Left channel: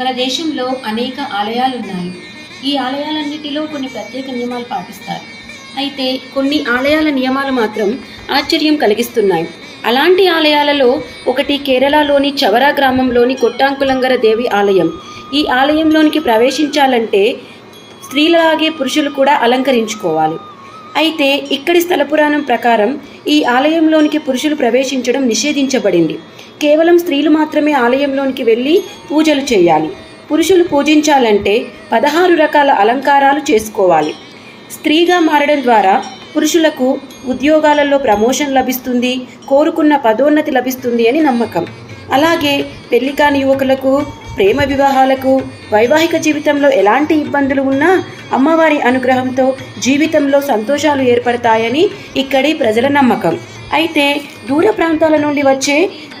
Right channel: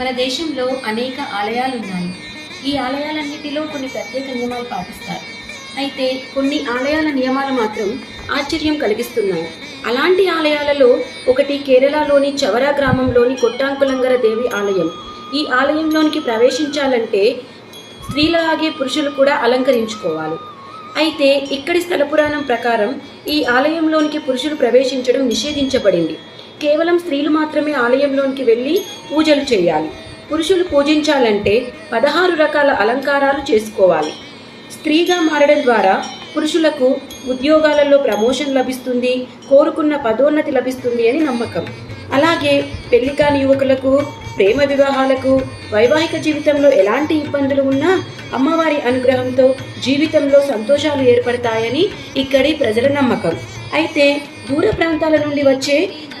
మన దేశంలో అనేక ఆలయాలు ఉన్నాయి. ఈ ఆలయాలన్నిటిలో కొన్ని ప్రత్యేక నియమాలు పాటిస్తారు. అయితే కొన్ని ఆలయాల నియమాలు మాత్రం ఆశ్చర్యం కలిగిస్తున్నాయి. అలాంటి ఆలయాలలో ఒకటి కేరళలోని చవరా గ్రామంలోని కొట్టాంకులంగర దేవి ఆలయం. ఈ ఆలయంలోనికి ప్రవేశించాలంటే స్త్రీలాగే పురుషులు కూడా అలంకరించుకోవాలి. అయితే ఇక్కడి స్థల పురాణం ప్రకారం ఈ ఆలయంలోనికి పురుషులు ప్రవేశించడం నిషేధించబడింది. కేవలం స్త్రీలు మాత్రమే ఆలయంలోనికి వెళ్ళి పూజలు చేయాలి. పురుషులు పూజించాలంటే 16 రకాల అలంకారాలు చేసుకోవాలి. స్త్రీగా మారడం ద్వారా పురుషులకు ఉద్యోగాలలో ప్రమోషన్ లభిస్తుంది, కోరుకున్న పదోన్నతి లభిస్తుంది అని నమ్మకం. అలాగే పెళ్లి కాని యువకులకు, ప్రేమ వివాహాలకు, వైవాహిక జీవితంలో ఎలాంటి ఇబ్బందులు ఉన్నా అమ్మవారి అనుగ్రహంతో జీవితంలో సంతోషాలు ఏర్పడతాయని ఇక్కడి ప్రజల నమ్మకం. అయితే దూర ప్రాంతాల నుండి వచ్చే